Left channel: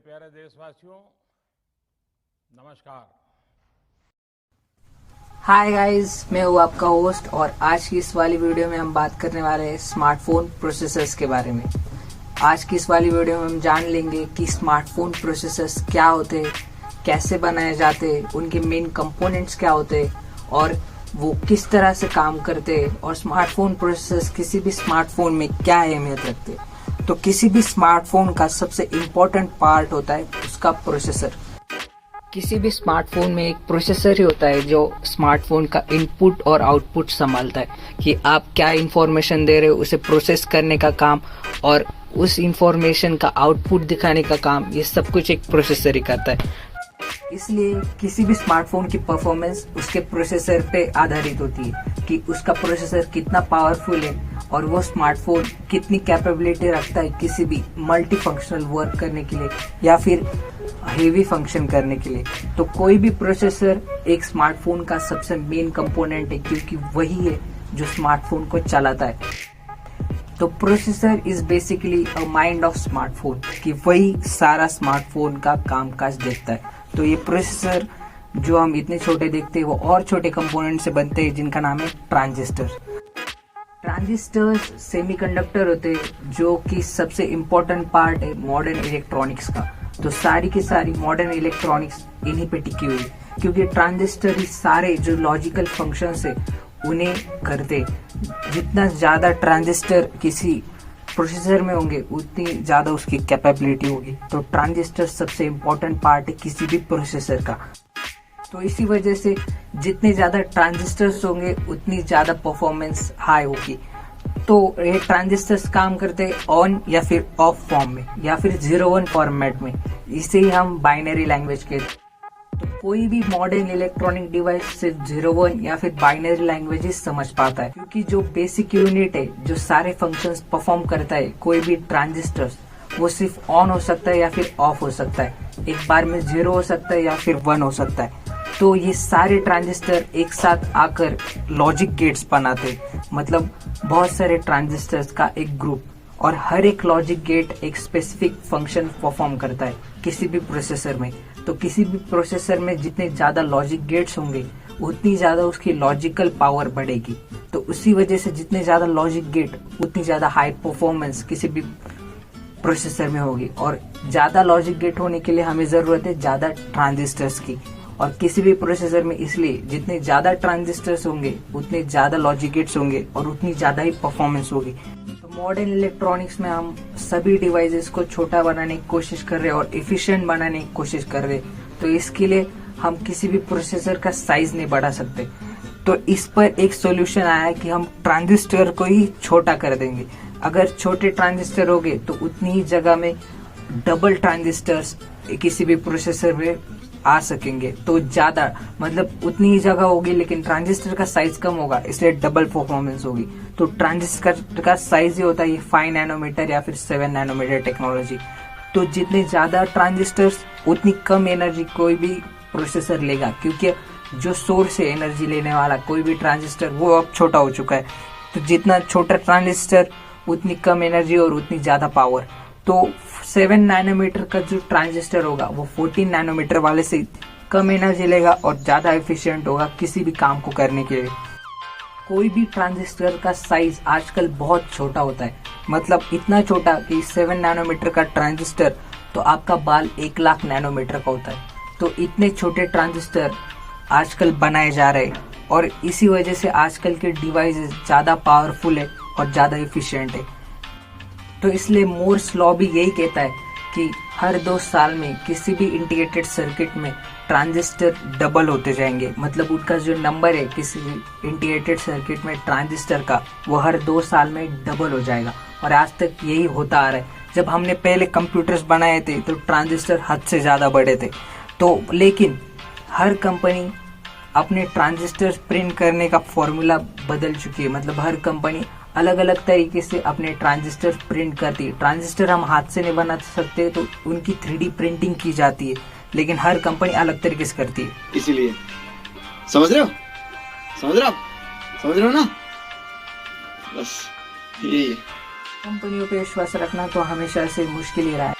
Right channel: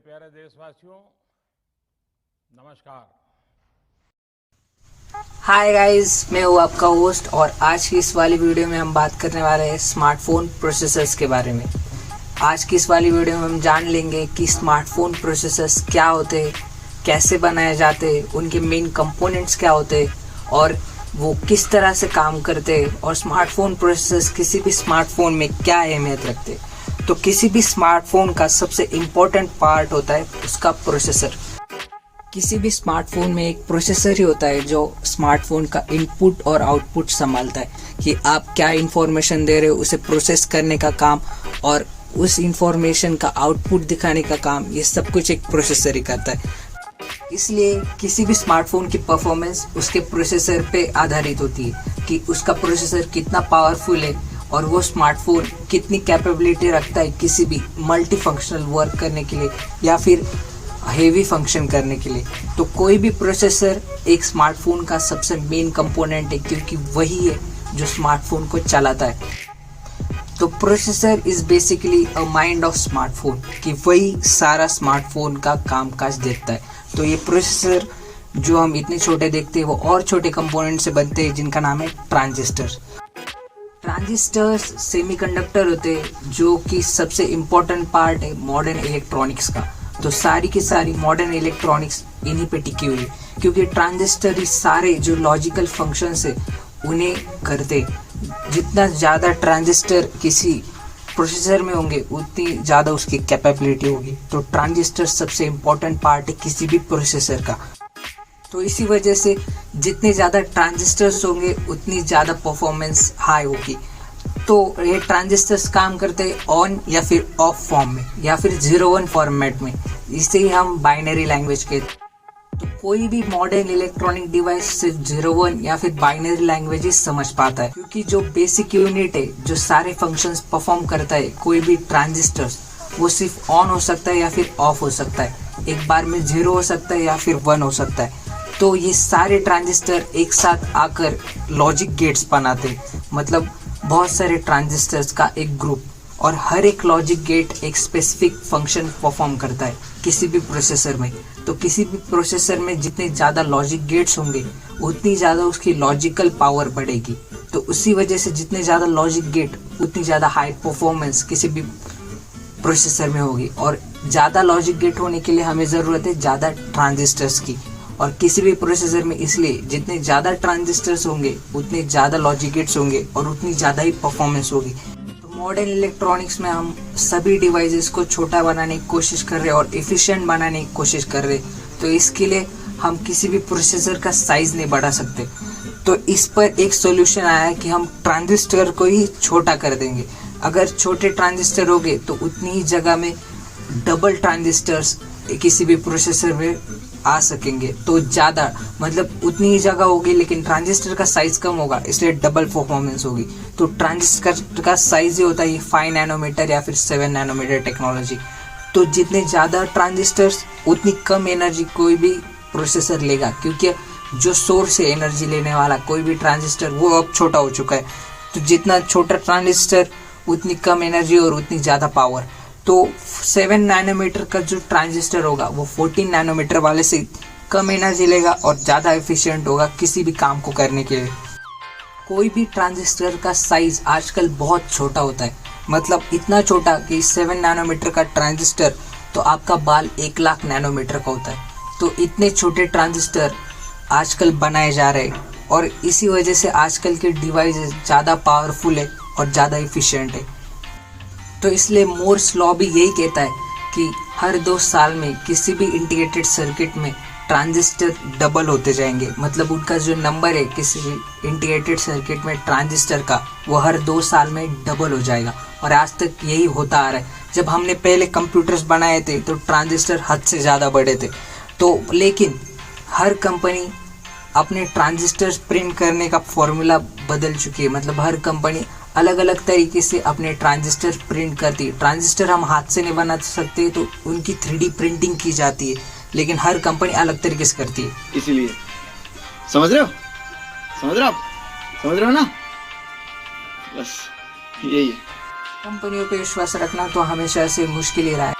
प्यारे देशवासियों, नमस्कार। हाय गाइस, मैं हूँ आपका होस्ट और आज की इस वाली वीडियो में हम बात करने वाले हैं स्मार्टफोन प्रोसेसर्स के बारे में। आज की इस वाली वीडियो में हम जान लेंगे कि स्मार्टफोन प्रोसेसर्स क्या होते हैं, कैसे बनाए जाते हैं, उनके मेन कंपोनेंट्स क्या होते हैं और वो किस तरह से काम करते हैं और स्मार्टफोन प्रोसेसर्स किसी भी स्मार्टफोन में क्या अहमियत रखते हैं। तो किसी भी स्मार्टफोन का सबसे इम्पोर्टेंट पार्ट होता है उसका प्रोसेसर। किसी भी स्मार्टफोन में एक प्रोसेसर ही होता है जो स्मार्टफोन का इनपुट और आउटपुट संभालता है कि आप क्या इंफॉर्मेशन दे रहे हो, उसे प्रोसेस करने का काम और उस इंफॉर्मेशन का आउटपुट दिखाने का काम, ये सब कुछ एक प्रोसेसर ही करता है। इसलिए किसी भी स्मार्टफोन की परफॉर्मेंस उसके प्रोसेसर पे आधारित होती है कि उसका प्रोसेसर कितना पावरफुल है और वो स्मार्टफोन कितनी कैपेबिलिटी रखता है किसी भी मल्टी फंक्शनल वर्क करने के लिए या फिर हेवी फंक्शन करने के लिए। तो कोई भी प्रोसेसर एक स्मार्टफोन का सबसे मेन कंपोनेंट है क्योंकि वही है जो स्मार्टफोन को चलाता है। तो processor is basically a mind of smartphone कि वही सारा स्मार्टफोन का कामकाज देखता है। तो ये प्रोसेसर जो हम इतने छोटे देखते हैं वो और छोटे कंपोनेंट से बनते हैं जिनका नाम है ट्रांजिस्टर। ट्रांजिस्टर्स सेमीकंडक्टर होते हैं जो कि सबसे इम्पोर्टेंट पार्ट है मॉडर्न इलेक्ट्रॉनिक्स का। तो सारी की सारी मॉडर्न इलेक्ट्रॉनिक्स इन्हीं पे टिकी हुई है क्योंकि ट्रांजिस्टर ही सारे जो लॉजिकल फंक्शंस है उन्हें करते। जितना ज़्यादा ट्रांजिस्टर किसी प्रोसेसर में होंगे उतनी ज़्यादा उसकी कैपेबिलिटी होगी। तो ट्रांजिस्टर सबसे इम्पोर्टेंट पार्ट है किसी भी प्रोसेसर का। तो इसी वजह से जितने ज़्यादा ट्रांजिस्टर्स होंगे उतनी ज़्यादा परफॉर्मेंस हाई होगी। तो ये ट्रांजिस्टर्स काम करते हैं ऑन या फिर ऑफ फॉर्म में या फिर 0-1 फॉर्मेट में। इसे ही हम बाइनरी लैंग्वेज कहते हैं। तो कोई भी मॉडर्न इलेक्ट्रॉनिक डिवाइस सिर्फ 0-1 या फिर बाइनरी लैंग्वेज ही समझ पाता है क्योंकि जो बेसिक यूनिट है जो सारे फंक्शंस परफॉर्म करता है कोई भी ट्रांजिस्टर्स, वो सिर्फ ऑन हो सकता है या फिर ऑफ हो सकता है। एक बार में 0 हो सकता है या फिर 1 हो सकता है। तो ये सारे ट्रांजिस्टर एक साथ आकर लॉजिक गेट्स बनाते, मतलब बहुत सारे ट्रांजिस्टर्स का एक ग्रुप, और हर एक लॉजिक गेट एक स्पेसिफिक फंक्शन परफॉर्म करता है किसी भी प्रोसेसर में। तो किसी भी प्रोसेसर में जितने ज़्यादा लॉजिक गेट्स होंगे उतनी ज़्यादा उसकी लॉजिकल पावर बढ़ेगी। तो उसी वजह से जितने ज़्यादा लॉजिक गेट उतनी ज़्यादा हाई परफॉर्मेंस किसी भी प्रोसेसर में होगी। और ज़्यादा लॉजिक गेट होने के लिए हमें ज़रूरत है ज़्यादा ट्रांजिस्टर्स की। और किसी भी प्रोसेसर में इसलिए जितने ज़्यादा ट्रांजिस्टर्स होंगे उतने ज़्यादा लॉजिक गेट्स होंगे और उतनी ज़्यादा ही परफॉर्मेंस होगी। तो मॉडर्न इलेक्ट्रॉनिक्स में हम सभी डिवाइसेस को छोटा बनाने की कोशिश कर रहे हैं और एफिशिएंट बनाने की कोशिश कर रहे हैं। तो इसके लिए हम किसी भी प्रोसेसर का साइज नहीं बढ़ा सकते। तो इस पर एक सोल्यूशन आया है कि हम ट्रांजिस्टर को ही छोटा कर देंगे। अगर छोटे ट्रांजिस्टर होंगे तो उतनी ही जगह में डबल ट्रांजिस्टर्स किसी भी प्रोसेसर में आ सकेंगे। तो ज़्यादा मतलब उतनी ही जगह होगी लेकिन ट्रांजिस्टर का साइज कम होगा, इसलिए डबल परफॉर्मेंस होगी। तो ट्रांजिस्टर का साइज ही होता है 5 नैनोमीटर या फिर 7 नैनोमीटर टेक्नोलॉजी। तो जितने ज़्यादा ट्रांजिस्टर्स उतनी कम एनर्जी कोई भी प्रोसेसर लेगा क्योंकि जो सोर्स है एनर्जी लेने वाला कोई भी ट्रांजिस्टर वो अब छोटा हो चुका है। तो जितना छोटा ट्रांजिस्टर उतनी कम एनर्जी और उतनी ज़्यादा पावर। तो 7 नैनोमीटर का जो ट्रांजिस्टर होगा वो 14 नैनोमीटर वाले से कम एनर्जी लेगा और ज़्यादा एफिशिएंट होगा किसी भी काम को करने के लिए। कोई भी ट्रांजिस्टर का साइज आजकल बहुत छोटा होता है, मतलब इतना छोटा कि 7 नैनोमीटर का ट्रांजिस्टर तो आपका बाल 1 लाख नैनोमीटर का होता है। तो इतने छोटे ट्रांजिस्टर आजकल बनाए जा रहे हैं और इसी वजह से आजकल के डिवाइसेस ज़्यादा पावरफुल है और ज़्यादा एफिशिएंट है। तो इसलिए मोर्स लॉ भी यही कहता है कि हर 2 साल में किसी भी इंटीग्रेटेड सर्किट में ट्रांजिस्टर डबल होते जाएंगे। मतलब उनका जो नंबर है किसी भी इंटीग्रेटेड सर्किट में ट्रांजिस्टर का वो हर 2 साल में डबल हो जाएगा। और आज तक यही होता आ रहा है। जब हमने पहले कंप्यूटर्स बनाए थे तो ट्रांजिस्टर हद से ज़्यादा बड़े थे। तो लेकिन हर कंपनी अपने ट्रांजिस्टर प्रिंट करने का फॉर्मूला बदल चुकी है। मतलब हर कंपनी अलग अलग तरीके से अपने ट्रांजिस्टर प्रिंट करती है। ट्रांजिस्टर हम हाथ से नहीं बना सकते तो उनकी 3D प्रिंटिंग की जाती है, लेकिन हर कंपनी अलग तरीके से करती है। इसीलिए समझ रहे हो ना, बस यही है। कंपनियों पे विश्वास रखना तो हमेशा से मुश्किल ही रहा है।